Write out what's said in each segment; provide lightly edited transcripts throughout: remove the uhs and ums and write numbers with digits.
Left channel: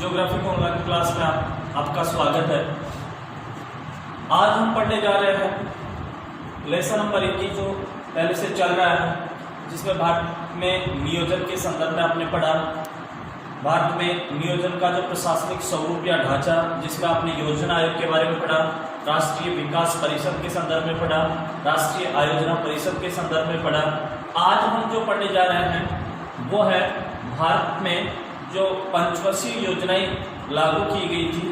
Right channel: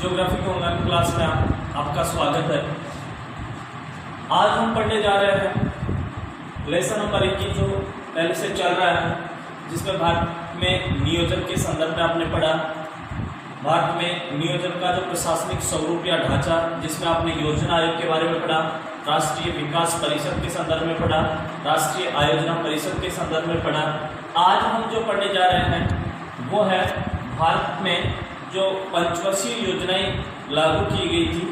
Geography के online class में आपका स्वागत है। आज हम पढ़ने जा रहे हैं लेसन नंबर 21 जो पहले से चल रहा है, जिसमें भारत में नियोजन के संदर्भ में आपने पढ़ा। भारत में नियोजन का जो प्रशासनिक स्वरूप या ढांचा, जिसमें आपने योजना आयोग के बारे में पढ़ा, राष्ट्रीय विकास परिषद के संदर्भ में पढ़ा, राष्ट्रीय आयोजना परिषद के संदर्भ में पढ़ा। आज हम जो पढ़ने जा रहे हैं वो है भारत में जो पंचवर्षीय योजनाएं लागू की गई थी,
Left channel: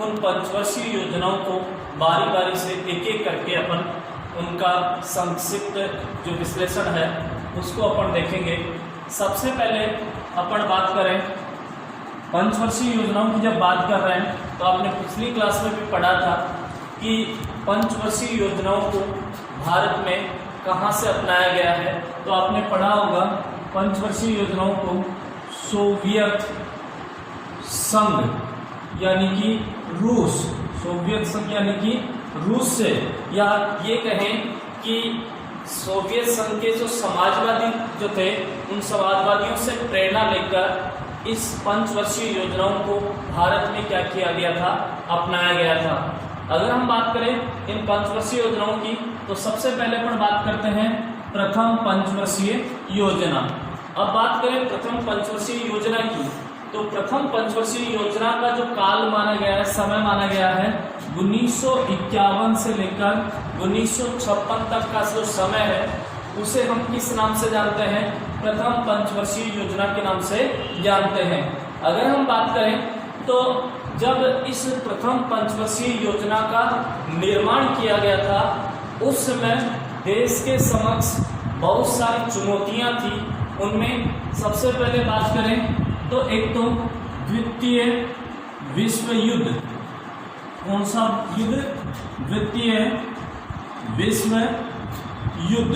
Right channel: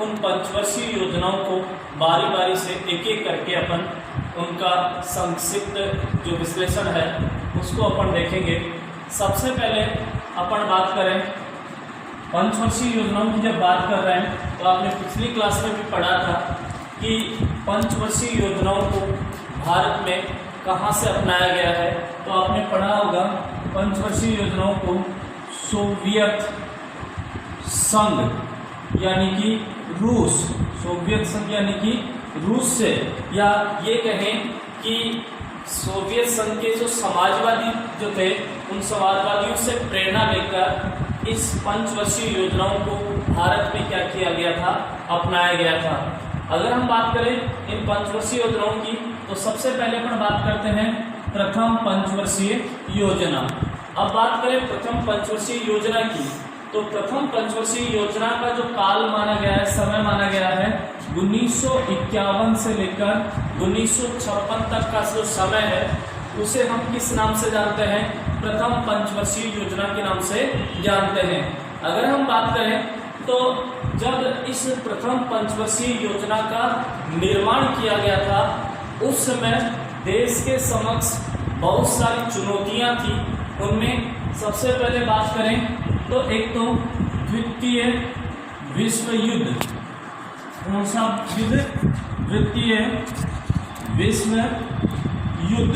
उन पंचवर्षीय योजनाओं को बारी बारी से एक एक करके अपन उनका संक्षिप्त जो विश्लेषण है उसको अपन देखेंगे। सबसे पहले अपन बात करें पंचवर्षीय योजनाओं की। जब बात कर रहे हैं तो आपने पिछली क्लास में भी पढ़ा था कि पंचवर्षीय योजनाओं को भारत में कहाँ से अपनाया गया है। तो आपने पढ़ा होगा पंचवर्षीय योजनाओं को सोवियत संघ यानी कि रूस, सोवियत संघ यानी कि रूस से, या ये कहें कि सोवियत संघ के जो समाजवादी जो थे उन समाजवादियों से प्रेरणा लेकर इस पंचवर्षीय योजनाओं को भारत में क्या किया गया था, अपनाया गया था। अगर हम बात करें इन पंचवर्षीय योजनाओं की तो सबसे पहले अपन बात करते हैं प्रथम पंचवर्षीय योजना। अब बात करें प्रथम पंचवर्षीय योजना की, तो प्रथम पंचवर्षीय योजना का जो काल माना गया है, समय माना गया है 1951 से लेकर 1956 तक का जो समय है उसे हम किस नाम से जानते हैं? प्रथम पंचवर्षीय योजना के नाम से जानते हैं। अगर हम बात करें तो जब इस प्रथम पंचवर्षीय योजना का निर्माण किया गया था उस समय देश के समक्ष बहुत सारी चुनौतियां थी। उनमें सबसे पहले बात करें तो एक तो द्वितीय विश्व युद्ध। कौन सा युद्ध? द्वितीय विश्व युद्ध,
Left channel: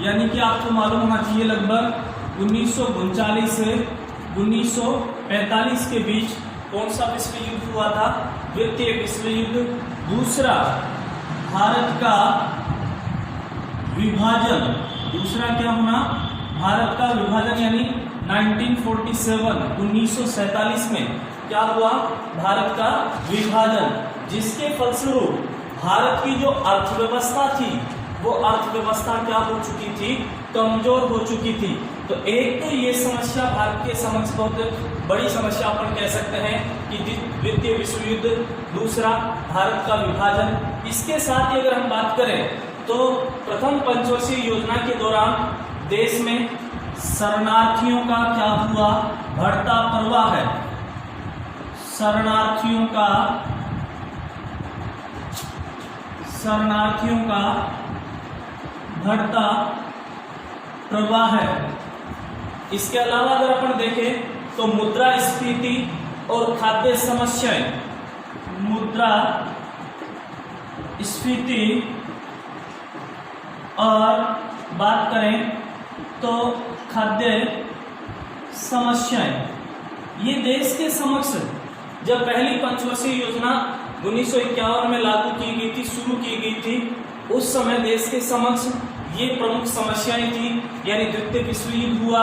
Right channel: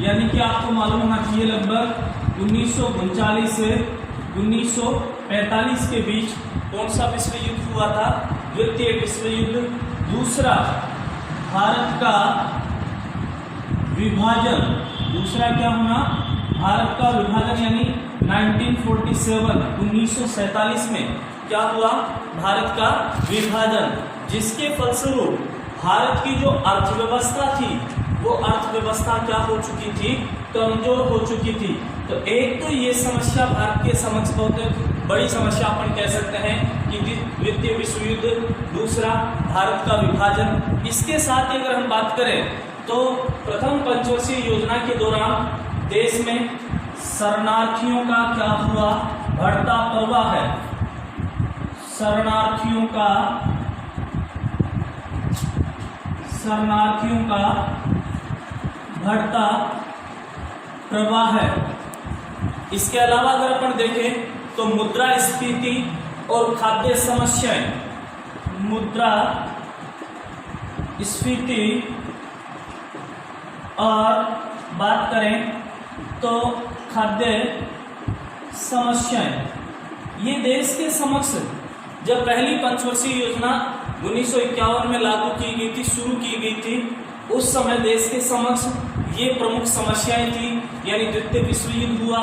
यानी कि आपको मालूम होना चाहिए लगभग 1939 से 1945 के बीच कौन सा विश्व युद्ध हुआ था? द्वितीय विश्व युद्ध। दूसरा भारत का विभाजन। दूसरा क्या होना? भारत का विभाजन, यानी 1947 में क्या हुआ? भारत का विभाजन, जिसके फलस्वरूप भारत की जो अर्थव्यवस्था थी वो अर्थव्यवस्था क्या हो चुकी थी? कमजोर हो चुकी थी। तो एक तो ये समस्या भारत के समक्ष बहुत बड़ी समस्या अपन कह सकते हैं कि द्वितीय विश्व युद्ध, दूसरा भारत का विभाजन। इसके साथ ही अगर हम बात करें तो प्रथम पंचवर्षीय योजना के दौरान देश में शरणार्थियों का क्या हुआ? बढ़ता प्रवाह है। शरणार्थियों का बढ़ता प्रवाह है। इसके अलावा अगर अपन देखें तो मुद्रास्फीति और खाद्य समस्याएं, मुद्रास्फीति और बात करें तो खाद्य समस्याएं, ये देश के समक्ष जब पहली पंचवर्षीय योजना 1951 में लागू की गई थी, शुरू की गई थी, उस समय देश के समक्ष ये प्रमुख समस्याएं थी। यानी द्वितीय विश्व युद्ध हुआ,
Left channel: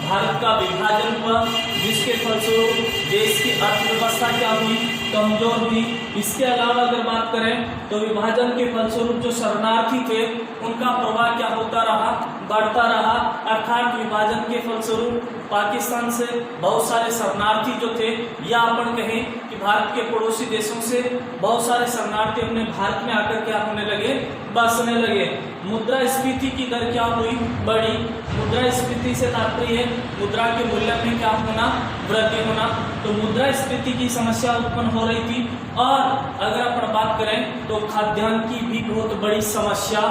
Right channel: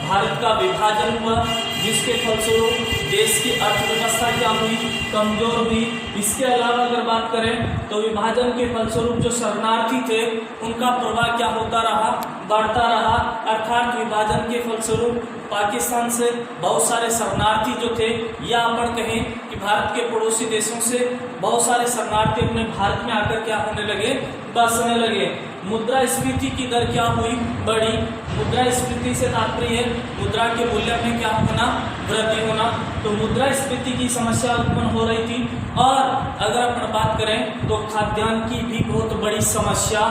भारत का विभाजन हुआ, जिसके फलस्वरूप देश की अर्थव्यवस्था क्या हुई? कमजोर हुई। इसके अलावा अगर बात करें तो विभाजन के फलस्वरूप जो शरणार्थी थे उनका प्रवाह क्या होता रहा? बढ़ता रहा। अर्थात विभाजन के फलस्वरूप पाकिस्तान से बहुत सारे शरणार्थी जो थे, या अपन कहें कि भारत के पड़ोसी देशों से बहुत सारे शरणार्थी अपने भारत में आकर क्या होने लगे? बसने लगे। मुद्रास्फीति की दर क्या हुई? बढ़ी। मुद्रास्फीति से तात्पर्य है मुद्रा के मूल्य में क्या होना? वृद्धि होना। तो मुद्रास्फीति की समस्या उत्पन्न हो रही थी। और अगर अपन बात करें तो खाद्यान्न की भी बहुत बड़ी समस्या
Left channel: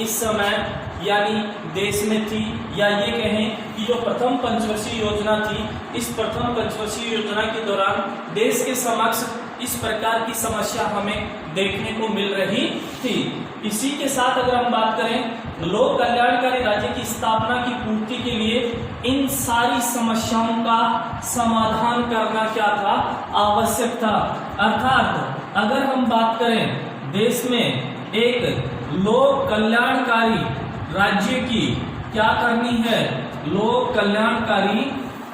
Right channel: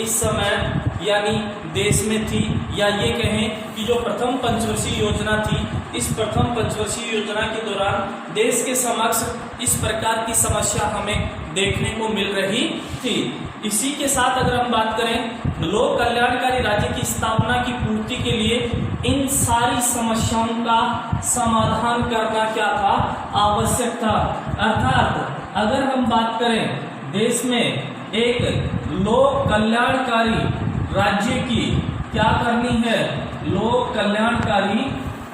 इस समय यानी देश में थी, या ये कहें कि जो प्रथम पंचवर्षीय योजना थी, इस प्रथम पंचवर्षीय योजना के दौरान देश के समक्ष इस प्रकार की समस्या हमें देखने को मिल रही थी। इसी के साथ अगर हम बात करें लोक कल्याणकारी राज्य की स्थापना की पूर्ति के लिए इन सारी समस्याओं का समाधान करना क्या था? आवश्यक था। अर्थात अगर हम बात करें देश में एक लोक कल्याणकारी राज्य की क्या करनी है? लोक कल्याणकारी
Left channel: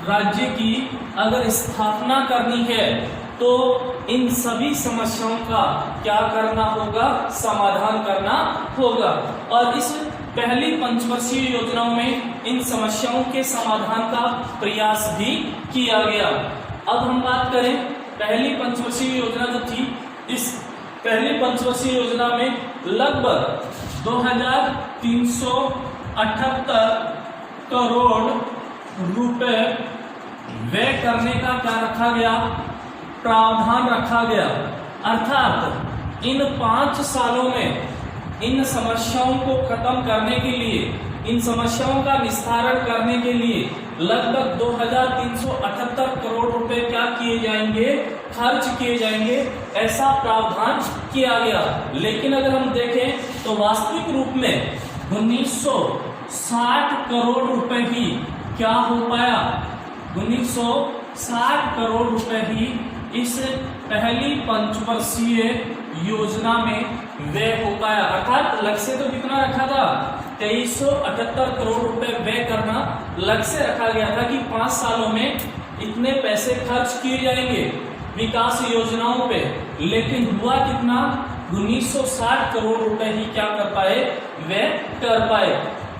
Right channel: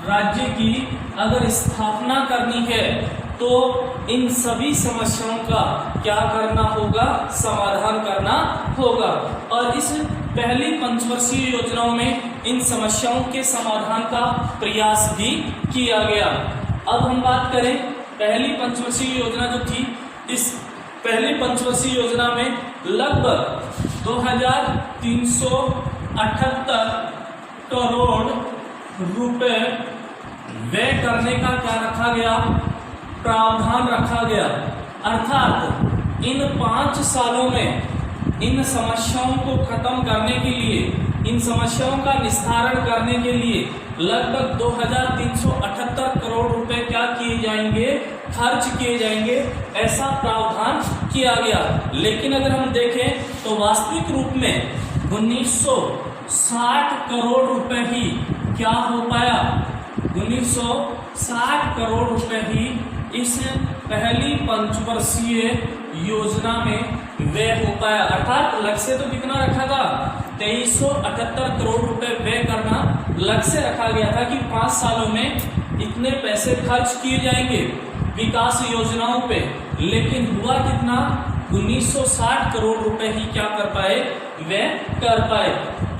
राज्य की अगर स्थापना करनी है तो इन सभी समस्याओं का क्या करना होगा, समाधान करना होगा। और इस पहली पंचवर्षीय योजनाओं में इन समस्याओं के समाधान का प्रयास भी किया गया। अब हम बात करें पहली पंचवर्षीय योजना जो थी, इस पहली पंचवर्षीय योजना में लगभग 2378 करोड़ रुपए व्यय करने का क्या रखा गया, प्रावधान रखा गया। अर्थात इन 5 सालों में इन समस्याओं को खत्म करने के लिए, इन समस्याओं का निस्तारण करने के लिए लगभग 2378 करोड़ रुपए क्या किए जाएंगे, खर्च किए जाएंगे, ऐसा प्रावधान किया गया। लेकिन अगर हम देखें तो वास्तविक रूप में 1960 करोड़ रुपए ही क्या हो पाया, 1960 करोड़ रुपए ही इस पहली पंचवर्षीय योजना में व्यय हो पाया। अर्थात लक्ष्य तो कितना रखा था, 2378 करोड़ रुपए व्यय करना लक्ष्य रखा गया था कि 5 सालों में इतने पैसे खर्च किए जाएंगे विकास योजनाओं पे। लेकिन हुआ कितना, 1960 करोड़ रुपए ही क्या कर पाए, व्यय कर पाए।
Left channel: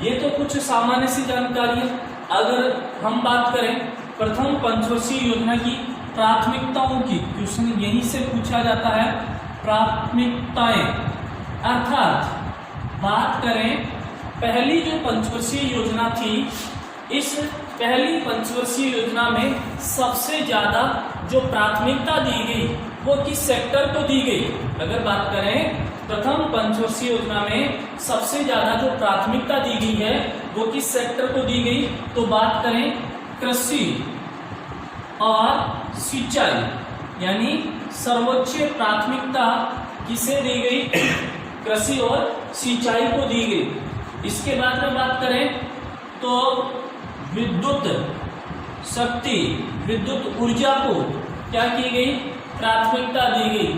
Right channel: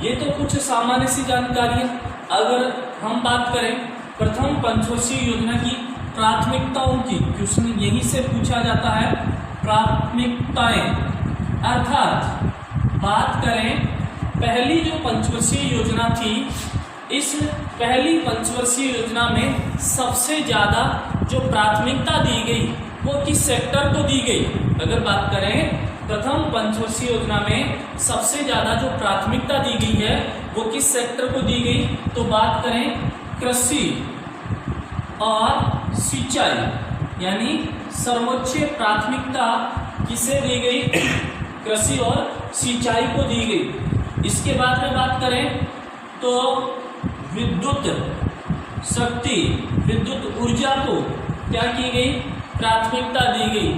ये तो कुछ सामान्य सी जानकारी है। अगर हम बात करें प्रथम पंचवर्षीय योजना की प्राथमिकताओं की, क्वेश्चन यही से पूछा जाता है, प्राथमिकताएं। अर्थात बात करें पहली जो पंचवर्षीय योजना थी, इस पहली पंचवर्षीय योजना में सबसे ज्यादा जो प्राथमिकता दी गई वो किस सेक्टर को दी गई। अगर बात करें प्रथम पंचवर्षीय योजना में सबसे ज्यादा जो प्राथमिकता दी गई है वो किस सेक्टर को दी गई, तो बात करें कृषि और सिंचाई, यानी सर्वोच्च प्राथमिकता किसे दी गई, कृषि और सिंचाई को दी गई। इसके बाद में बात करें तो विद्युत शक्ति, विद्युत ऊर्जा को क्या की गई, प्राथमिकता दी गई।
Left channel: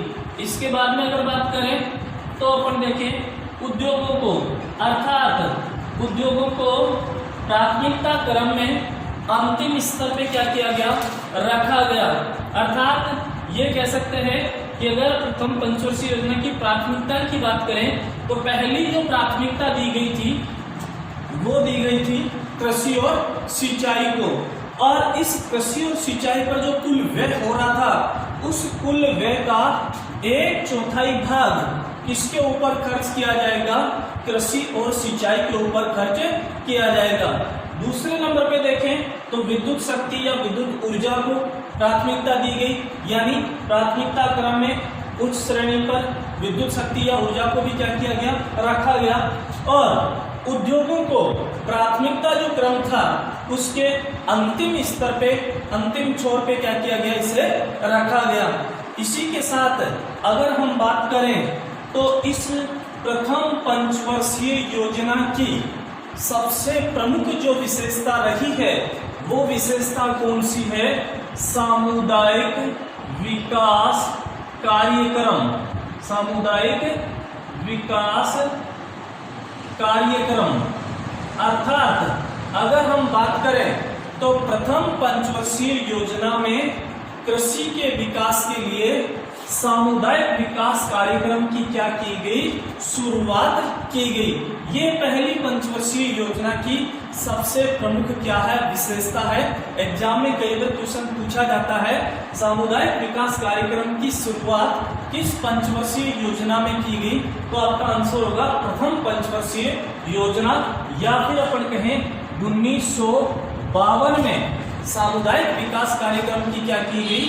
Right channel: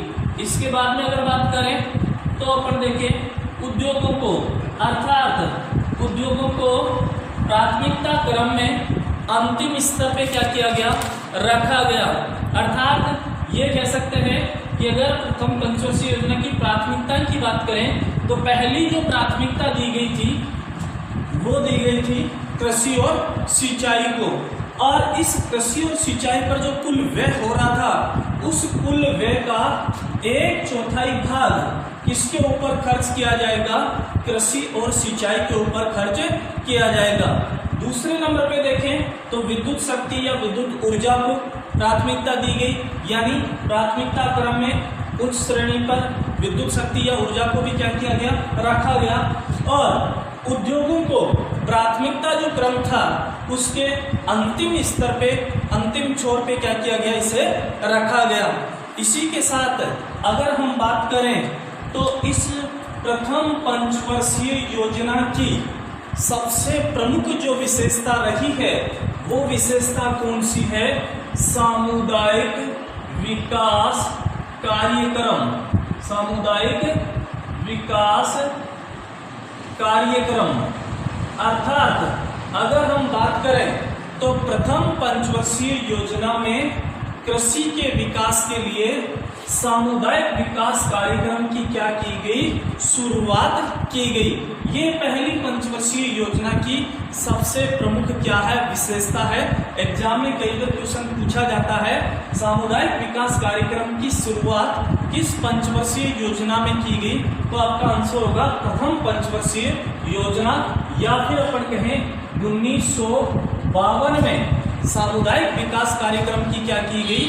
इसके बाद में अगर बात करें तो अपन देखें उद्योगों को, अर्थात उद्योगों को प्राथमिकता क्रम में अंतिम स्तर पे क्या किया गया, रखा गया। अर्थात ये कह सकते हैं कि अगर प्रथम पंचवर्षीय योजना की प्राथमिकता की बात करें तो पहली जो प्राथमिकता दी गई थी वो दी गई थी कृषि और सिंचाई को। और इस कृषि और सिंचाई पर जो कुल व्यय हो रहा था, उस कुल व्यय का 1/4 भाग किसके ऊपर खर्च किया जाएगा, कृषि और सिंचाई के ऊपर खर्च किया जाएगा। दूसरे नंबर पे देखें तो विद्युत शक्ति या विद्युत ऊर्जा को प्राथमिकता दी गई, यानी प्राथमिकता क्रम में उच्च श्रेणी पर विद्युत शक्ति या ऊर्जा को भी क्या किया गया, रखा गया। और उद्योगों को प्राथमिकता जो क्रम था उसके अंतिम स्तर पे, अंतिम छोर पे क्या किया गया, इसे रखा गया। इसी के साथ अगर हम बात करें तो इस प्रथम पंचवर्षीय योजना की सबसे प्रमुख जो विशेषता रही है वो विशेषता कौन सी है, सामुदायिक विकास कार्यक्रम, सामुदायिक विकास कार्यक्रम। अर्थात अगर हम बात करें तो प्रथम पंचवर्षीय योजना में कृषि के विकास के लिए सामुदायिक विकास कार्यक्रम की क्या की गई, शुरुआत की गई। ये पहली पंचवर्षीय योजना की सबसे प्रमुख क्या है, विशेषता है। एग्जाम में कई बार क्वेश्चन पूछा जाता है सामुदायिक विकास कार्यक्रम की शुरुआत किस पंचवर्षीय योजना में की गई, तो आपका आंसर होगा प्रथम पंचवर्षीय योजना, या फिर अपन कहें 1952 में सामुदायिक विकास कार्यक्रम की क्या की गई,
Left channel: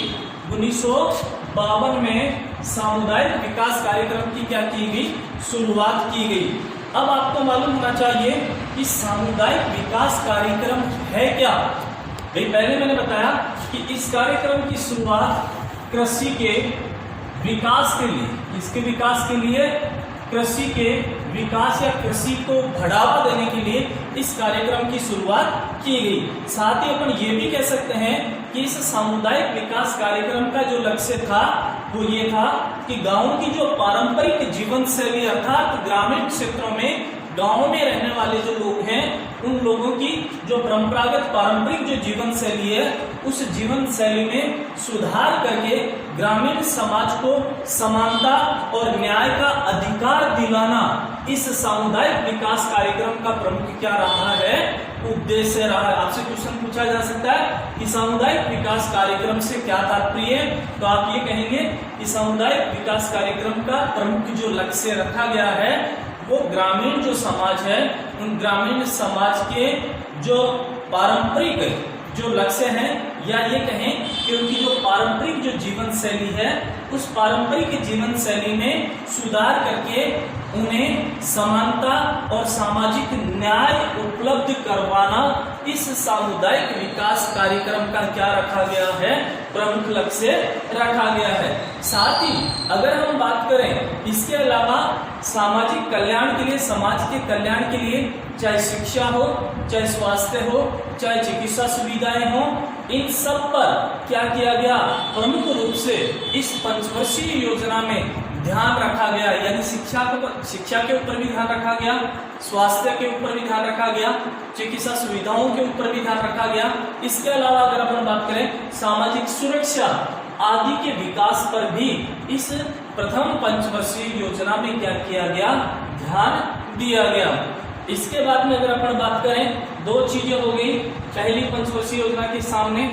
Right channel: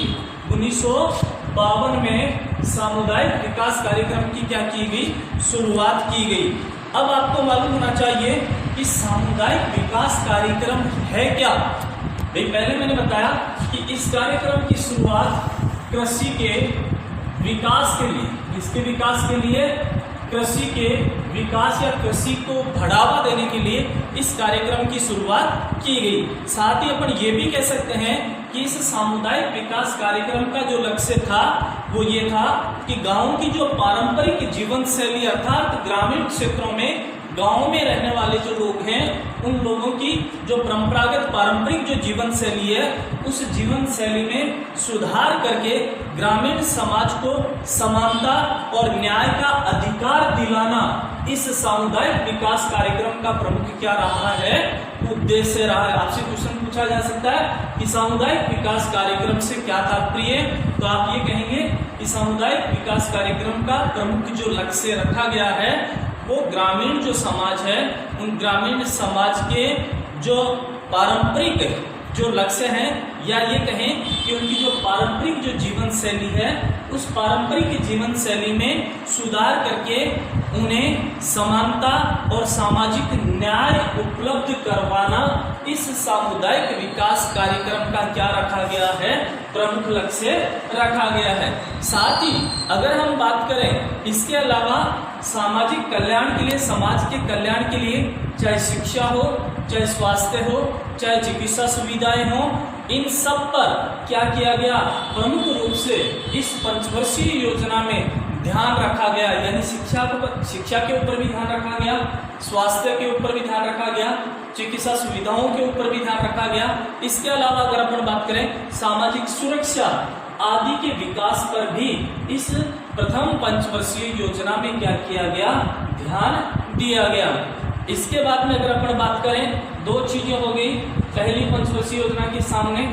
1952 में सामुदायिक विकास कार्यक्रम की क्या की गई, शुरुआत की गई। अब आपको मालूम होना चाहिए कि सामुदायिक विकास कार्यक्रम है क्या। पहले मैंने बताया कि इस कार्यक्रम की शुरुआत कृषि के विकास के लिए, इसके विकास के लिए, कृषि के विकास या कृषि को बढ़ावा देने के लिए इस कार्यक्रम की शुरुआत की गई। साथ ही अपन ये भी कह सकते हैं कि इस सामुदायिक विकास कार्यक्रम का जो लक्ष्य था वो ये था कि गांव की जो पारंपरिक जीवन शैली अर्थात ग्रामीण क्षेत्रों में गांव में रहने वाले जो लोग हैं उन लोगों की जो परंपरागत पारंपरिक जो जीवन शैली है उस जीवन शैली में सुधार करके ग्रामीण समाज को समानता और न्याय का अधिकार दिलाना इस सामुदायिक विकास कार्यक्रम का प्रमुख क्या रहा है, उद्देश्य रहा है। आपसे क्वेश्चन पूछा जा सकता है कि सामुदायिक विकास कार्यक्रम से क्या तात्पर्य है, तो आप ये कहेंगे कि सामुदायिक विकास कार्यक्रम का प्रमुख जो लक्ष्य रखा गया है वो ग्रामीण जो समाज है उन ग्रामीण समाज के जो पारंपरिक जो लक्ष्य हैं या ये कहें कि उनकी जो पारंपरिक जो जीवन शैली है उस पारंपरिक जीवन शैली में सुधार करके उन्हें समानता और सामाजिक न्याय उपलब्ध करवाना इस सामुदायिक विकास कार्यक्रम का क्या रखा गया है, प्रमुख लक्ष्य रखा गया है। साथ ही अगर हम बात करें इसके अलावा सामाजिक कल्याण के लिए, समाज के कल्याण के लिए, चाहे शिक्षा हो, चाहे स्वास्थ्य हो, चाहे चिकित्सा सुविधाएं हो, इन सब पर क्या किया गया, प्रमुख रूप से इस पंचवर्षीय योजना में ध्यान रखा गया। यानी शिक्षा के ऊपर भी ध्यान रखा गया, स्वास्थ्य के ऊपर भी ध्यान रखा गया, चिकित्सा सुविधाओं के ऊपर भी ध्यान रखा गया। इसके अलावा अगर अपन बात करें सामाजिक सुरक्षा आदि के विकास पर भी इस प्रथम पंचवर्षीय योजना में क्या किया गया, ध्यान दिया गया। इसके बाद में अगर अपन बात करें दो चीजें हो गई। पहली पंचवर्षीय योजना के सामने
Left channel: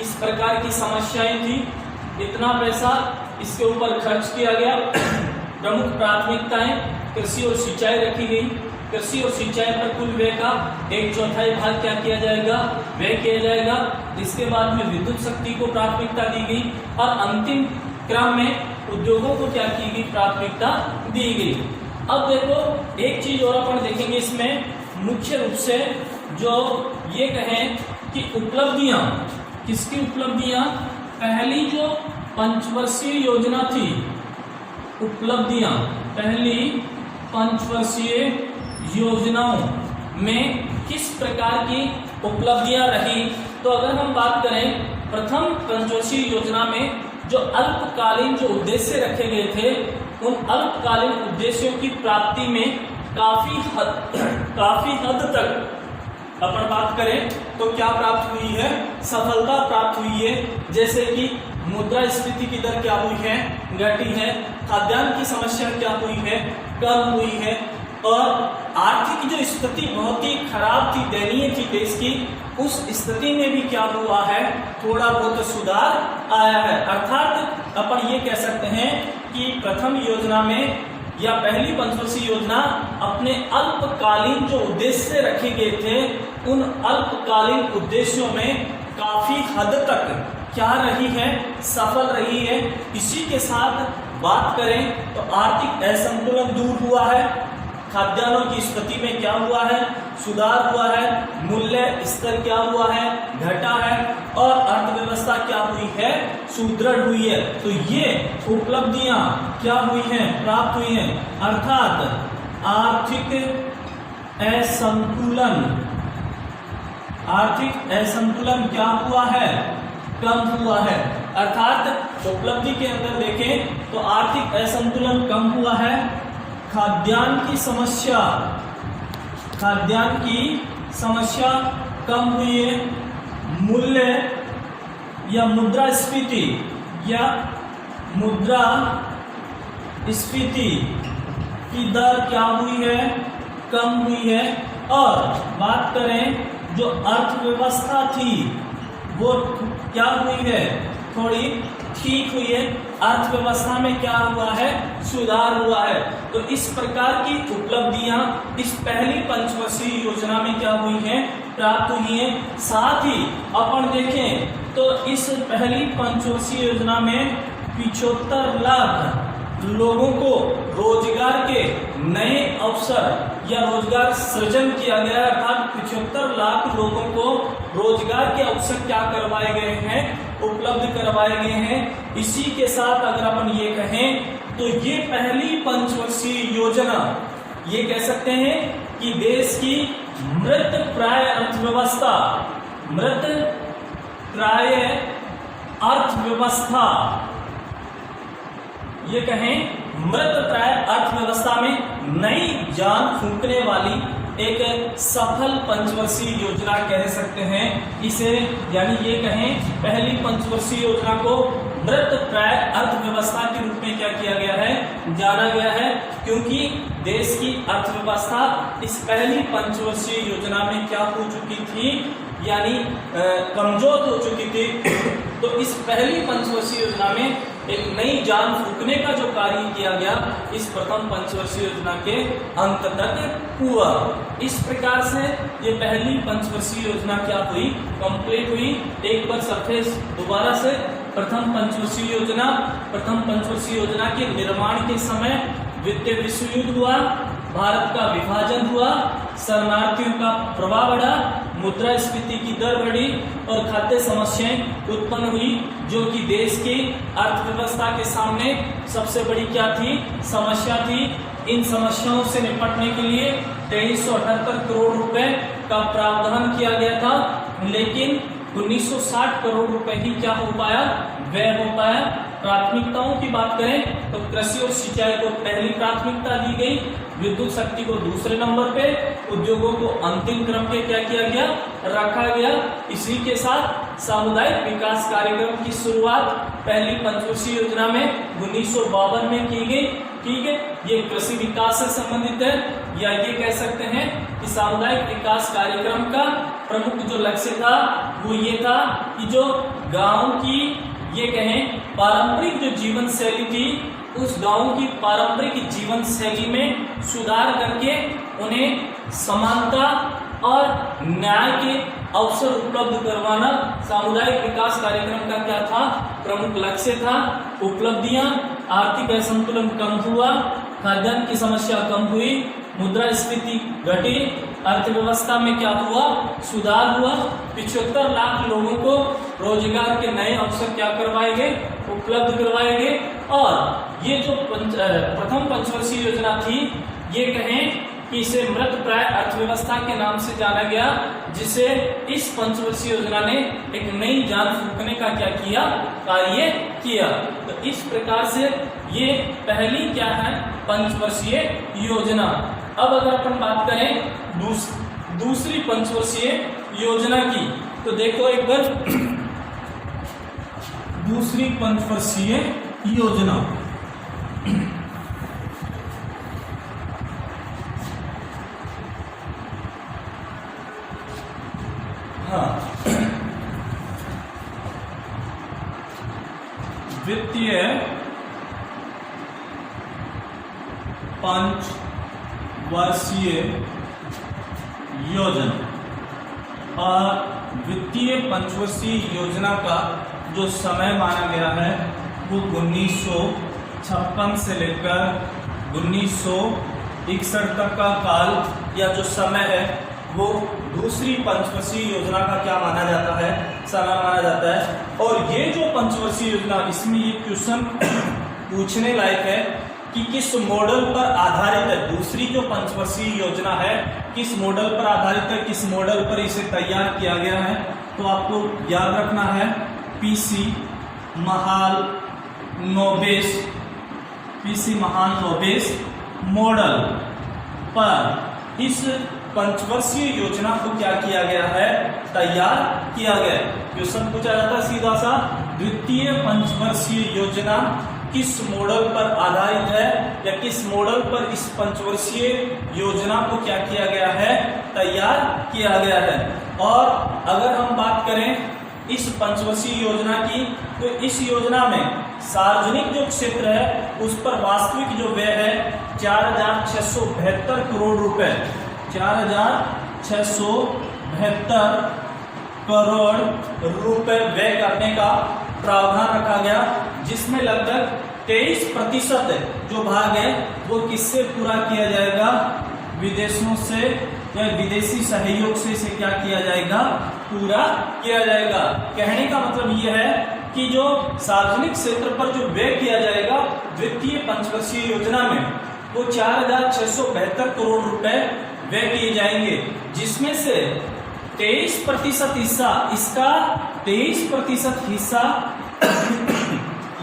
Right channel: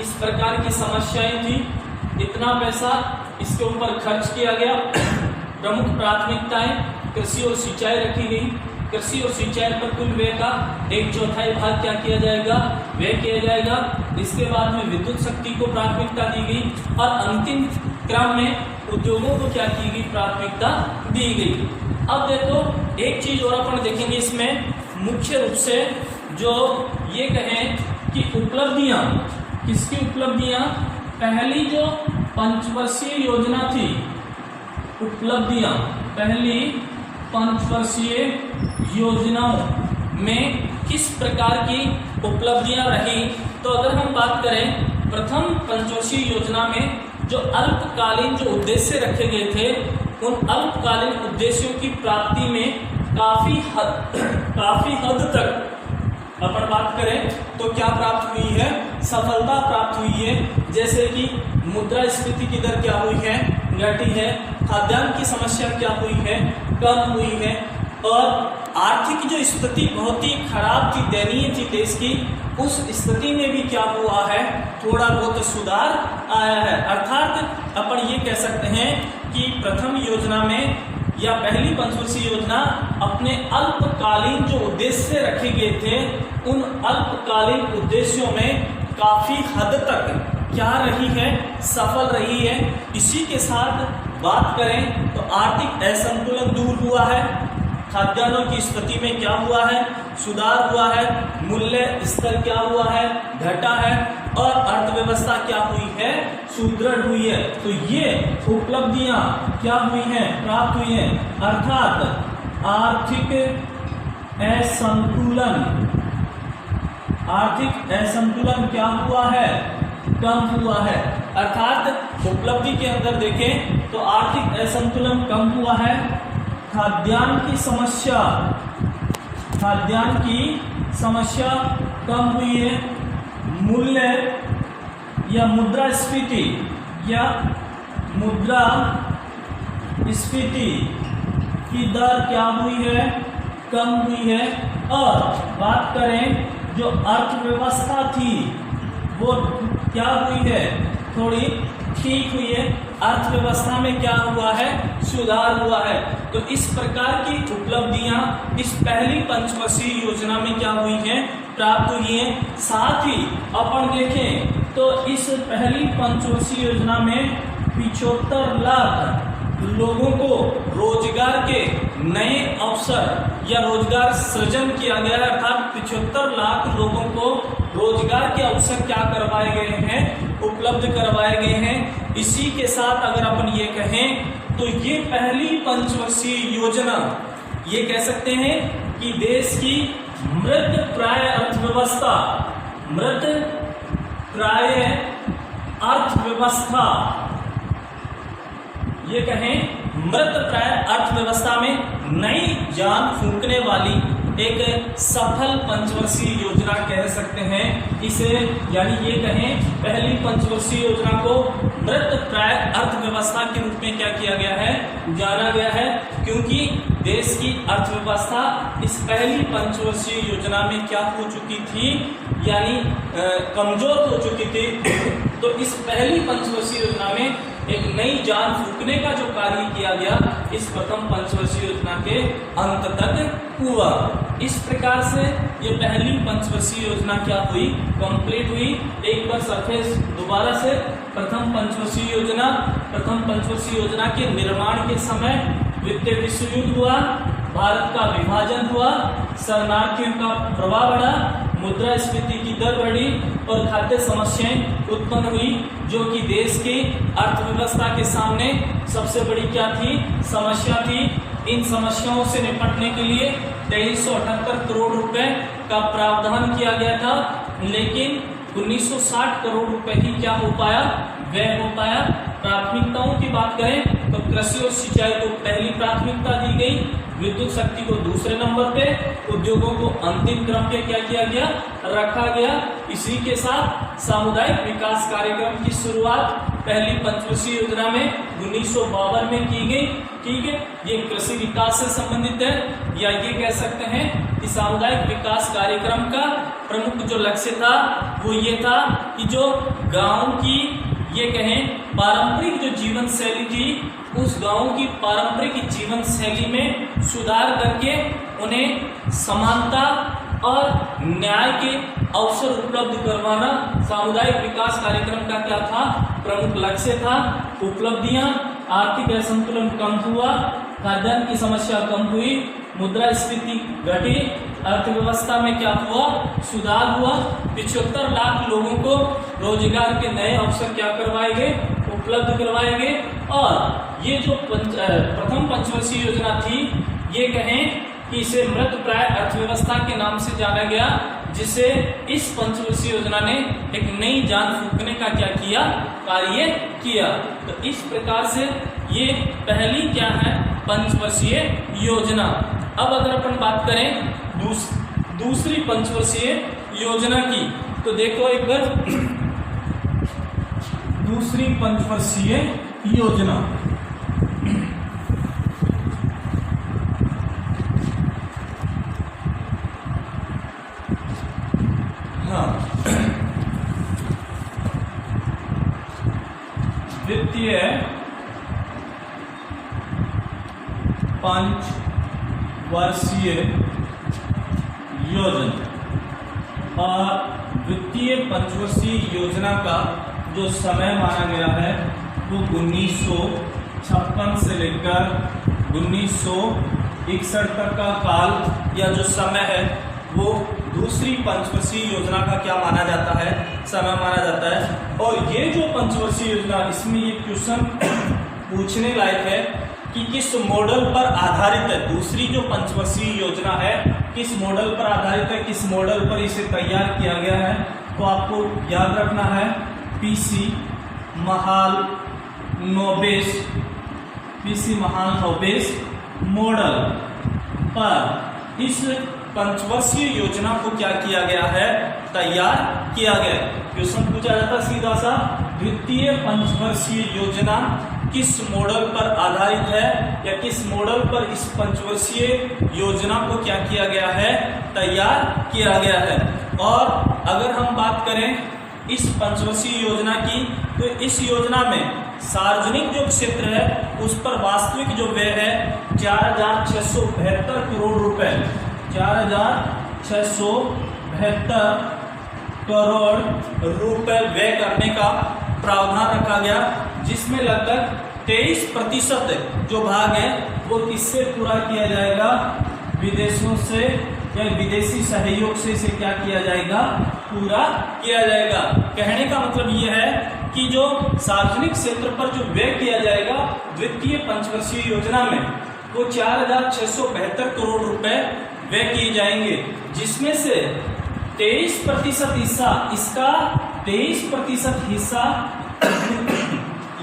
इस प्रकार की समस्याएं थी, इतना पैसा इसके ऊपर खर्च किया गया। प्रमुख प्राथमिकताएं कृषि और सिंचाई रखी गई। कृषि और सिंचाई पर कुल व्यय का 1/4 भाग क्या किया जाएगा, व्यय किया जाएगा। इसके बाद में विद्युत शक्ति को प्राथमिकता दी गई और अंतिम क्रम में उद्योगों को क्या की गई, प्राथमिकता दी गई। अब देखो एक चीज और अपन देखेंगे इसमें, मुख्य रूप से जो ये कहें कि उपलब्धियां, किसकी उपलब्धियां, पहली जो पंचवर्षीय योजना थी, उपलब्धियां पहली पंचवर्षीय योजनाओं में किस प्रकार की उपलब्धियां रही। तो अगर हम बात करें प्रथम पंचवर्षीय योजना में जो अल्पकालीन जो उद्देश्य रखे गए थे उन अल्पकालीन उद्देश्यों की प्राप्ति में काफी हद तक अपन बात करें तो क्या प्राप्त हुई है, सफलता प्राप्त हुई है। जैसे कि मुद्रास्फीति की दर क्या हुई है, घटी है। खाद्यान्न की समस्या क्या हुई है, कम हुई है। और आर्थिक जो स्थिति बहुत ही खराब थी, दयनीय थी देश की, उस स्थिति में भी क्या हुआ है, थोड़ा बहुत सुधार आया है। अर्थात अपन ये कह सकते हैं कि प्रथम योजना में या पहली पंचवर्षीय योजना अपने अल्पकालीन जो उद्देश्य रखे गए थे उन अल्पकालीन उद्देश्यों में काफी हद तक क्या रही है, सफल रही है। इसी के साथ बात करें तो आर्थिक असंतुलन दूर हुआ है, खाद्यान्नों की स्थिति में क्या हुआ है, सुधार हुआ है, मूल्य स्तर क्या हुआ है, घटा है, और अर्थव्यवस्था क्या हुई है, सुदृढ़ हुई है। तो ये उपलब्धियां क्या हुई हैं, प्राप्त हुई हैं। अर्थात आर्थिक असंतुलन क्या हुआ है, कम हुआ है। अर्थात उपलब्धि के अंदर देखें तो आर्थिक असंतुलन कम हुआ है। खाद्यान्न की समस्या कम हुई है। मूल्य या मुद्रास्फीति की दर क्या हुई है, कम हुई है। और बात करें जो अर्थव्यवस्था थी वो क्या हुई है, थोड़ी ठीक हुई है। अर्थव्यवस्था में क्या हुआ है, सुधार हुआ है। तो इस प्रकार की उपलब्धियां इस पहली पंचवर्षीय योजना में क्या हुई हैं, प्राप्त हुई हैं। साथ ही अपन देखें तो इस पहली पंचवर्षीय योजना में 75 लाख लोगों को रोजगार के नए अवसर या रोजगार सृजन किया गया है। अर्थात 75 लाख लोगों को रोजगार के अवसर क्या करवाए गए हैं, उपलब्ध करवाए गए हैं। इसी के साथ अगर अपन ये कहें तो ये पहली पंचवर्षीय योजना ये कह सकते हैं कि देश की मृत प्राय अर्थव्यवस्था ये कहें मृत प्राय अर्थव्यवस्था में नई जान फूंकने वाली एक सफल पंचवर्षीय योजना कह सकते हैं इसे, यानी ये कहें पहली पंचवर्षीय योजना को मृत प्राय अर्थव्यवस्था के रूप में क्या किया गया है, जाना गया है, क्योंकि देश की अर्थव्यवस्था इस पहली पंचवर्षीय योजना में क्या हो चुकी थी, यानी कमजोर हो चुकी थी। तो इस पहली पंचवर्षीय योजना में एक नई जान फूंकने का जो कार्य किया गया इस प्रथम पंचवर्षीय योजना के अंत तक हुआ। इस प्रकार से ये पहली पंचवर्षीय योजना क्या हुई, कंप्लीट हुई। एक बार सरफेस दोबारा से प्रथम पंचवर्षीय योजना के निर्माण के समय द्वितीय विश्व युद्ध हुआ, भारत का विभाजन हुआ, शरणार्थियों का प्रभाव बढ़ा, मुद्रास्फीति की दर बढ़ी और खाद्य समस्याएं उत्पन्न हुई, जो कि देश की अर्थव्यवस्था के सामने सबसे बड़ी क्या थी, समस्या थी। इन समस्याओं से निपटने के लिए 2378 करोड़ रुपए का प्रावधान किया गया था, लेकिन 1960 करोड़ रुपए ही क्या हो पाया, व्यय हो पाया। प्राथमिकताओं की बात करें तो कृषि और सिंचाई को पहली प्राथमिकता दी गई, विद्युत शक्ति को दूसरे नंबर पे, उद्योगों को अंतिम क्रम पे क्या किया गया, रखा गया। इसी के साथ सामुदायिक विकास कार्यक्रम की शुरुआत पहली पंचवर्षीय योजना में 1952 में की गई। ठीक है, ये कृषि विकास से संबंधित है, या ये कह सकते हैं कि सामुदायिक विकास कार्यक्रम का प्रमुख जो लक्ष्य था वो ये था कि जो गांव की ये कहें पारंपरिक जो जीवन शैली थी, उस गांव की पारंपरिक जीवन शैली में सुधार करके उन्हें समानता और न्याय के अवसर उपलब्ध करवाना सामुदायिक विकास कार्यक्रम का क्या था, प्रमुख लक्ष्य था। उपलब्धियां, आर्थिक असंतुलन कम हुआ, खाद्यान्न की समस्या कम हुई, मुद्रास्फीति घटी, अर्थव्यवस्था में क्या हुआ, सुधार हुआ। 75 लाख लोगों को रोजगार के नए अवसर क्या करवाए गए, उपलब्ध करवाए गए। और ये जो प्रथम पंचवर्षीय योजना थी, ये कहें कि इसे मृत प्राय अर्थव्यवस्था के नाम से जाना गया, जिसे इस पंचवर्षीय योजना ने एक नई जान फूंकने का क्या किया, कार्य किया। तो इस प्रकार से ये पहली क्या है, पंचवर्षीय योजना। अब अगर अपन बात करें दूसरी पंचवर्षीय योजना की, तो देखो एक बार दूसरी पंचवर्षीय योजना। हाँ, द्वितीय पंचवर्षीय योजना। और द्वितीय पंचवर्षीय योजना का जो समय माना गया है वो 1956 से लेकर 1961 तक का काल या जो समय है वो दूसरी पंचवर्षीय योजना का क्या माना जाता है, समय माना जाता है। और ये जो पंचवर्षीय योजना, इसमें ये क्वेश्चन पूछने लायक है कि किस मॉडल पर आधारित है। दूसरी जो पंचवर्षीय योजना है किस मॉडल पर आधारित है, किस मॉडल पर इसे तैयार किया गया है, तो आपको याद रखना है पीसी महालनोबिस मॉडल पर इस पंचवर्षीय योजना को क्या किया गया है, तैयार किया गया। क्वेश्चन पूछा जाता सीधा सा, द्वितीय पंचवर्षीय योजना किस मॉडल पर आधारित है, या किस मॉडल पर इस पंचवर्षीय योजना को क्या किया गया है, तैयार किया गया है। और अगर हम बात करें इस पंचवर्षीय योजना की, तो इस योजना में सार्वजनिक जो क्षेत्र है उस पर वास्तविक जो व्यय है 4672 करोड़ रुपए, 4672 करोड़ रुपए व्यय करने का प्रावधान रखा गया, जिसमें लगभग 23% जो भाग है वो किससे पूरा किया जाएगा, विदेशों से या विदेशी सहयोग से इसे क्या किया जाएगा, पूरा किया जाएगा। कहने का मतलब ये है कि जो सार्वजनिक क्षेत्र पर जो व्यय किया जाएगा द्वितीय पंचवर्षीय योजना में, वो 4672 करोड़ रुपए व्यय किए जाएंगे, जिसमें से 23% हिस्सा, इसका 23% हिस्सा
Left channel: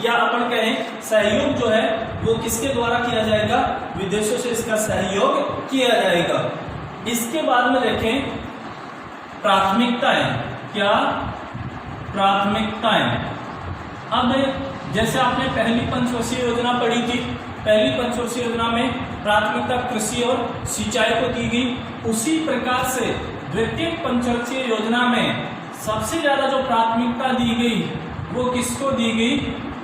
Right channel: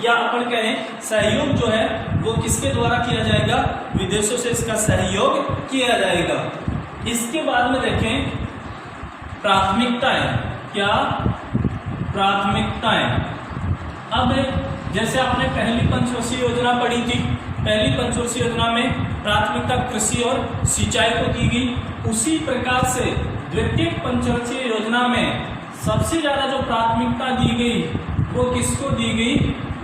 या अपन कहें सहयोग जो है वो किसके द्वारा किया जाएगा, विदेशों से इसका सहयोग किया जाएगा। इसके बाद में देखें प्राथमिकताएं, क्या प्राथमिकताएं। अब जैसे आपने पहली पंचवर्षीय योजना पढ़ी थी, पहली पंचवर्षीय योजना में प्राथमिकता कृषि और सिंचाई को दी गई, उसी प्रकार से द्वितीय पंचवर्षीय योजना में सबसे ज्यादा जो प्राथमिकता दी गई वो किसको दी गई,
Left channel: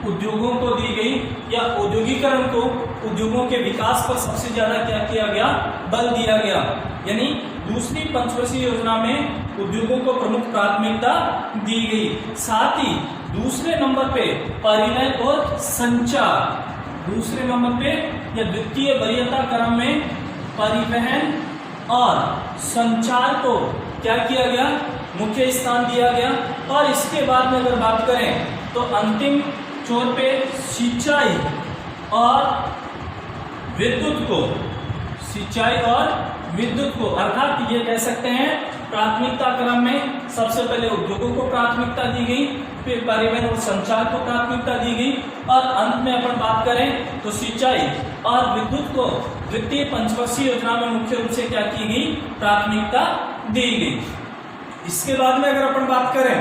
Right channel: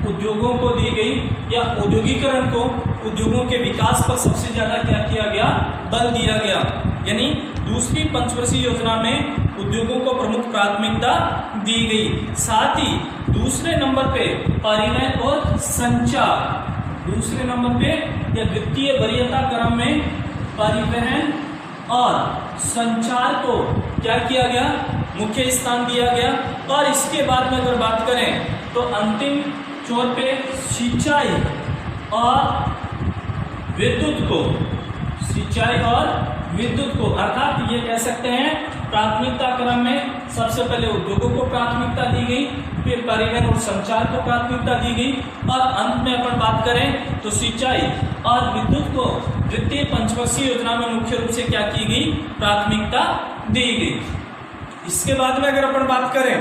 उद्योगों को दी गई, या औद्योगिकरण को, उद्योगों के विकास पर सबसे ज्यादा क्या किया गया, बल दिया गया। यानी दूसरी पंचवर्षीय योजना में उद्योगों को प्रमुख प्राथमिकता दी गई। साथ ही दूसरे नंबर पे परिवहन और संचार, दूसरे नंबर पे या द्वितीय वरीयता क्रम में परिवहन और संचार को क्या किया गया, मुख्य स्थान दिया गया। और इसके बाद में अगर बात करें तो अंतिम छोर पे सिंचाई और विद्युत को, सिंचाई और विद्युत को, अर्थात ये कह सकते हैं प्राथमिकता क्रम में सबसे पहले उद्योगों को प्राथमिकता दी गई, फिर परिवहन और संचार को प्राथमिकता दी गई, और अंत में अगर बात करें तो सिंचाई और विद्युत को द्वितीय पंचवर्षीय योजना में मुख्य रूप से क्या की गई, प्राथमिकता दी गई। इसके बाद में अगर अपन बात करें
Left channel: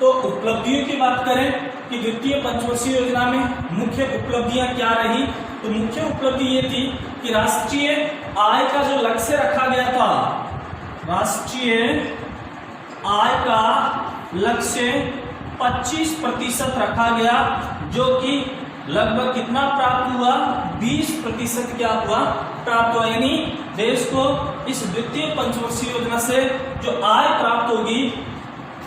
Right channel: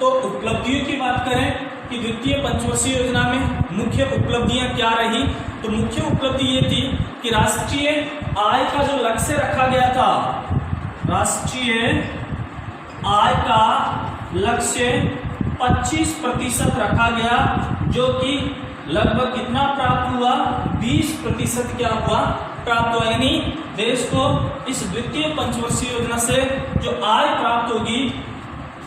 तो उपलब्धियों की बात करें कि द्वितीय पंचवर्षीय योजना में मुख्य उपलब्धियां क्या रही, तो मुख्य उपलब्धि ये थी कि राष्ट्रीय आय का जो लक्ष्य रखा गया था, राष्ट्रीय आय का लक्ष्य 25% रखा गया, जो कि लगभग कितना प्राप्त हुआ, 20% क्या हुआ, प्राप्त हुआ। यानी देश को इस द्वितीय पंचवर्षीय योजना से जो आय प्राप्त होगी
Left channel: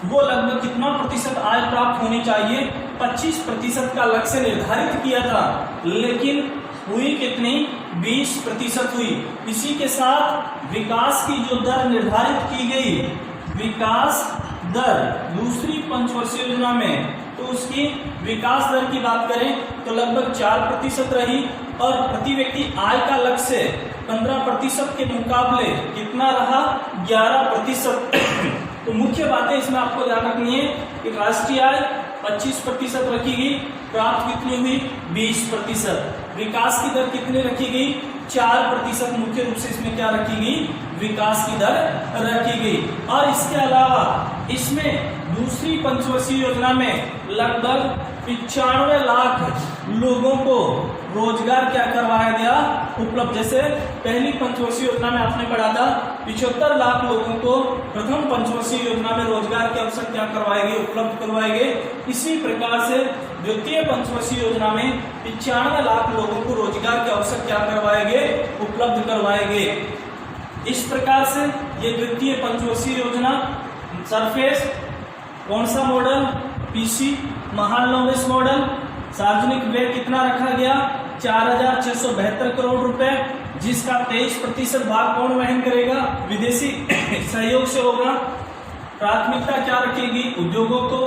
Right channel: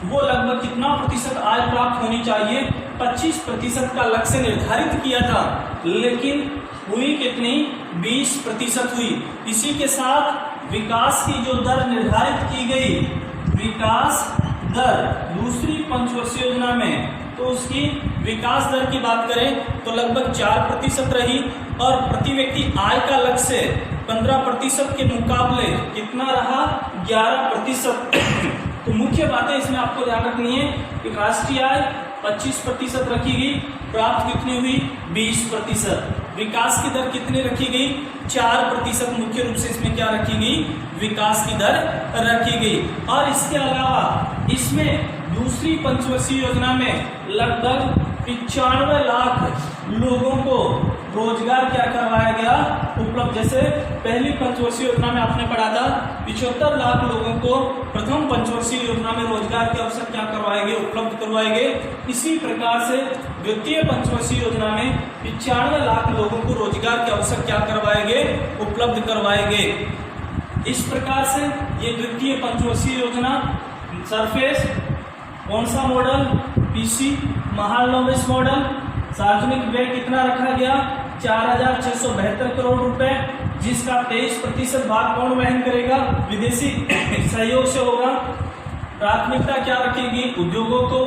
वो लगभग कितना प्रतिशत आय प्राप्त होनी चाहिए, 25% का लक्ष्य निर्धारित किया था, लेकिन हुई कितनी, 20% हुई। इसी के साथ विकास की जो दर निर्धारित की गई, विकास दर दूसरी पंचवर्षीय योजना में, तो उसकी विकास दर की बात करें तो लगभग 4% रही, और प्रति व्यक्ति आय का लक्ष्य 15% के मुकाबले कितना रहा, 11%। तो मुख्य बातें इसमें आपको ध्यान रखनी है कि राष्ट्रीय आय 25% रखी गई, प्राप्त कितनी हुई, 20%। विकास की दर कितनी रखी गई, 4%। मुख्य रूप से इसमें क्या रखी गई, विकास की दर रखी गई। और इसके अलावा इसमें दूसरी पंचवर्षीय योजना में लगभग 95 लाख लोगों को रोजगार क्या करवाया गया, उपलब्ध। जैसे पहली पंचवर्षीय योजना में आपने पढ़ा था 75 लाख लोगों को प्रथम पंचवर्षीय योजना में रोजगार के अवसर क्या करवाएंगे, उपलब्ध करवाएंगे। इसी प्रकार से द्वितीय पंचवर्षीय योजना में 95 लाख लोगों को रोजगार के अवसर क्या करवाएंगे, उपलब्ध करवाएंगे। इस प्रकार से ये द्वितीय पंचवर्षीय योजना सरफेस कौन सा मॉडल, पीसी महालनोबिस मॉडल। सार्वजनिक व्यय कितना रखा गया, 4672 करोड़ रुपए, जिसका 23% भाग कौन वहन करेगा, विदेशी सहयोग से होगा। प्राथमिकता क्या रखेगी, उद्योगों को,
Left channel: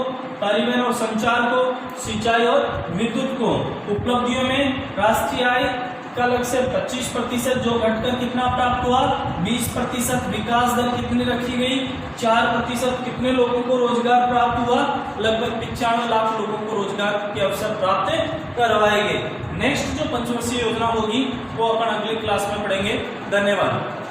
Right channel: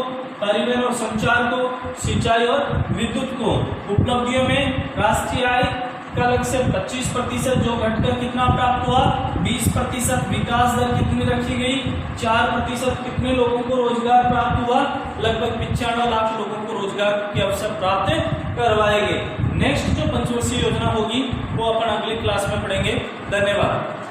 परिवहन और संचार को, सिंचाई और विद्युत को। उपलब्धियों में राष्ट्रीय आय का लक्ष्य 25%, जो घटकर कितना प्राप्त हुआ, 20%। विकास दर कितनी रखी गई, 4%। कितने लोगों को रोजगार प्राप्त हुआ, लगभग 95 लाख लोगों को रोजगार के अवसर प्राप्त करवाएंगे। नेक्स्ट जो पंचवर्षीय योजना होगी वो अपन अगली क्लास में पढ़ेंगे। धन्यवाद।